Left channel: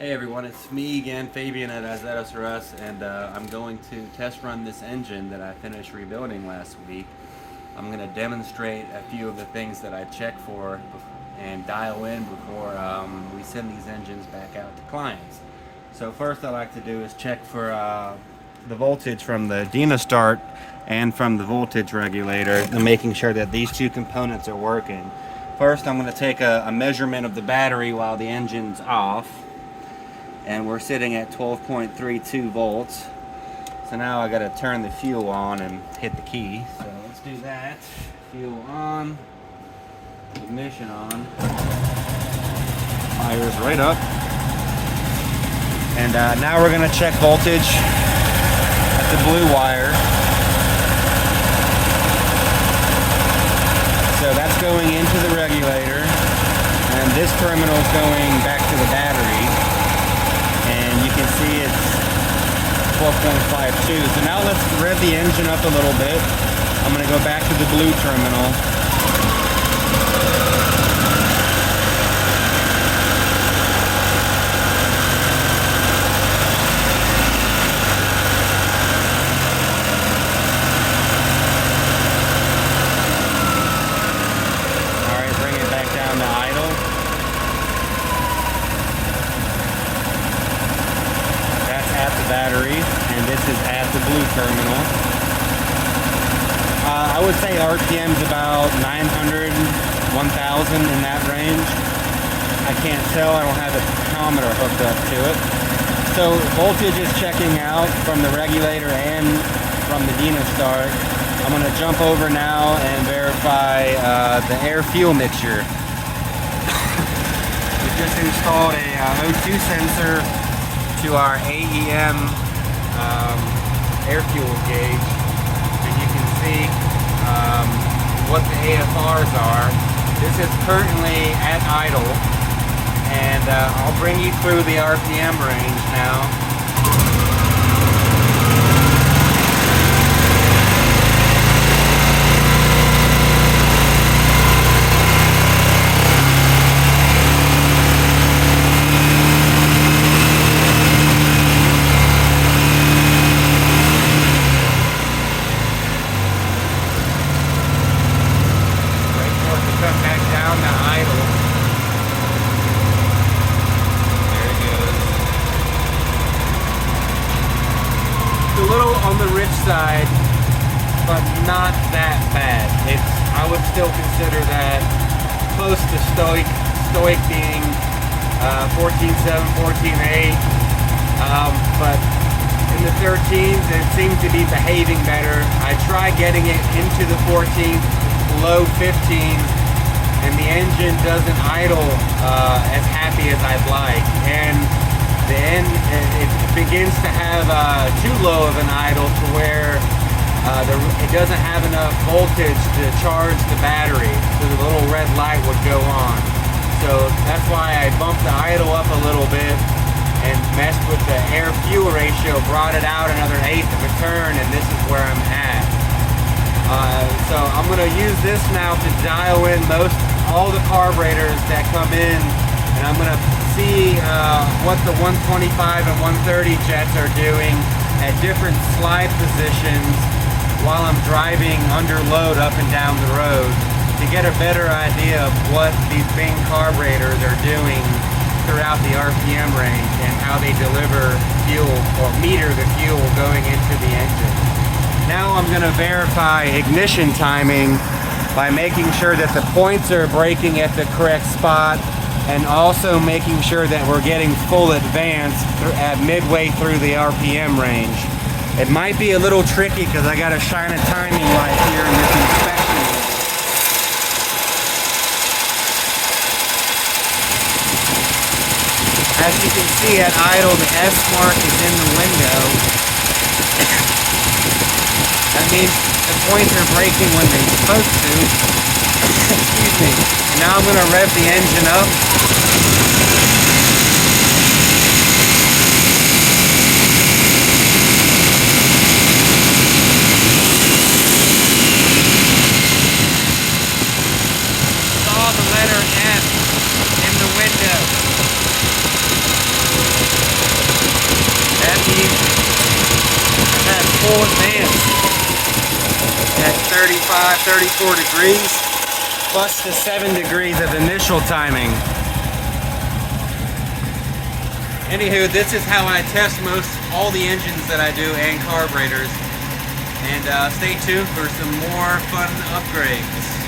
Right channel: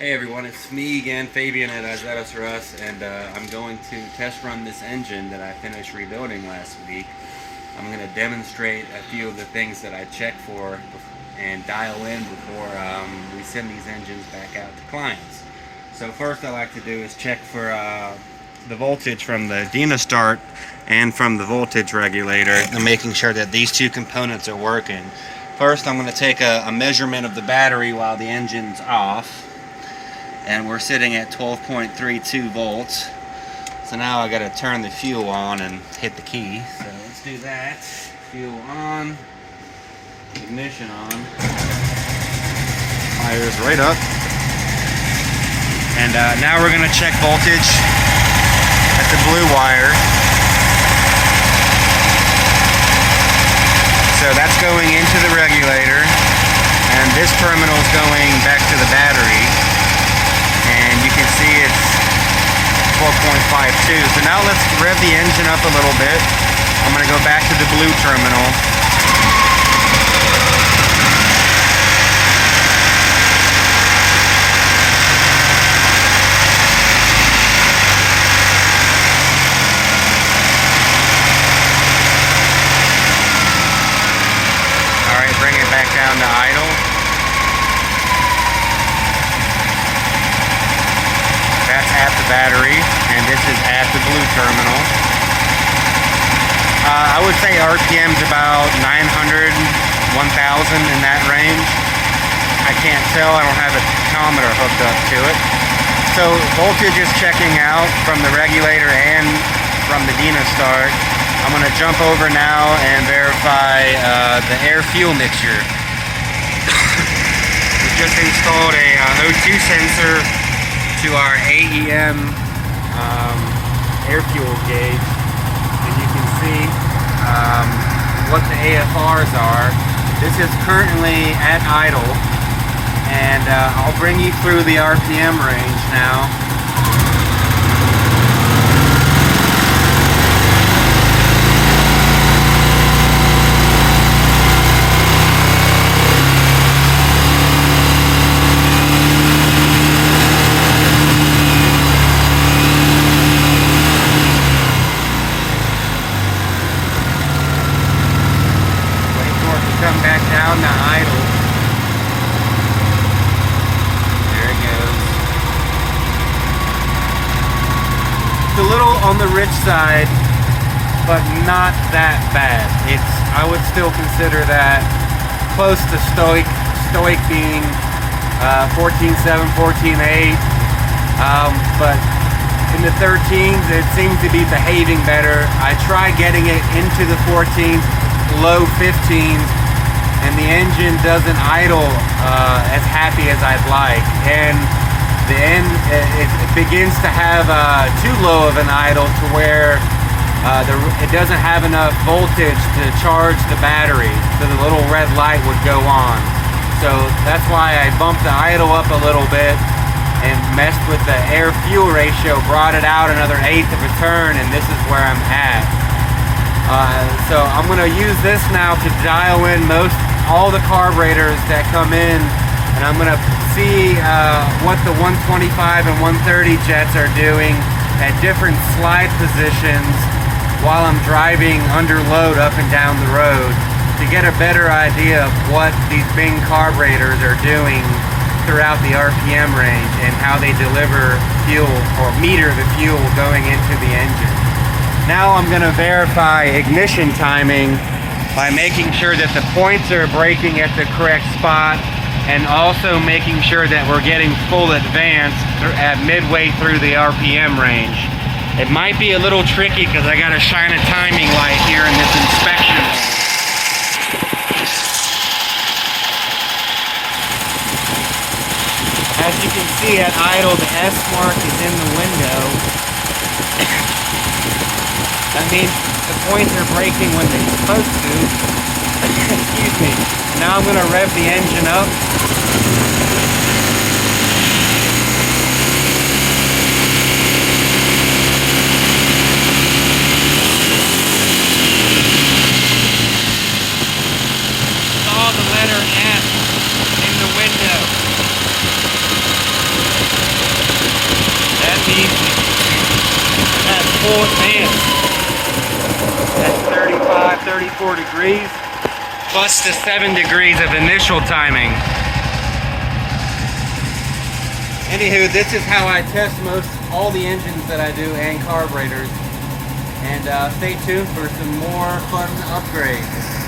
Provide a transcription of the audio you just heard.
Hey everyone, it's me again, Fabian at Azetos Russ, and I'm going to test run this engine that I finished rebuilding last week. I'm going to demonstrate a few of the things that I check for and dial in before we send these engines back out to clients. So first I like to do is check for the voltage from the Demostart and from the voltage regulator, and making sure that these two components are working. First I'm going to take a measurement of the battery while the engine's off. And we're sitting at 12.32 volts. So now I got to turn the fuel on and hit the key. So let's do that. Fuel on, ignition on, fires right up. And now we're going to check voltage at the blue wire. So that's going into the regulator, and this terminal is going back to the battery. And you can see it's 12.52. So now let's rev the engine up a little bit. I'm going to go back to the blue terminal. All right, bring it back down to idle. That's at the battery, and this is at the blue terminal. I would say RPM's about 900, 1000 in that range. I can't tell, I don't have a tachometer hooked up to it. So voltage is checking out from the regulator and from the Demostart. I'm going to jump over now and verify the air-fuel mixture. We just installed a O2 sensor to our AEM air fuel gauge, and you can see what the AFRs are. This is currently at idle, and I'll bring you through the RPM range now. A little on the rich side, but not that bad. I would still consider that close to stoic being 14.7, 14.8, but in the 13s it seems to be behaving better. I try getting it into the 14s, low 15s, and the engine doesn't idle as happy as I'd like, and it begins to have too low of an idle to where it doesn't have enough voltage to charge the battery, so the little red light would go on. So that's why I bumped the idle up a little bit and messed with the air-fuel ratio, brought it out another 1/8 of a turn, and this is where I'm at. So I'm going to use this now to dial in all the carburetors that come in, and I'm going to see what the 125 and 130 jets are doing at different slide positions while I'm driving under load up and down the road, to get a better idea of what these Bing carburetors are doing throughout the RPM range and how they deliver fuel or meter the fuel going into the engine. Now I'm going to verify ignition timing by making sure that the points are braking at the correct spot, and also making sure that we're getting full advance at midway through the RPM range. It might be a little tricky because I got to shine a timing light here in this inspection. As you can see at idle, the S mark is in the window. That means the points are braking when they're supposed to. Excuse me. Now I'm going to rev the engine up. Saw the letter S in the window. speed at full advance at 35, 34 degrees, plus the 7 degrees of initial timing. Anywho, this is how I test all the engines that I do and carburetors. And stay tuned for some more fun upgrades.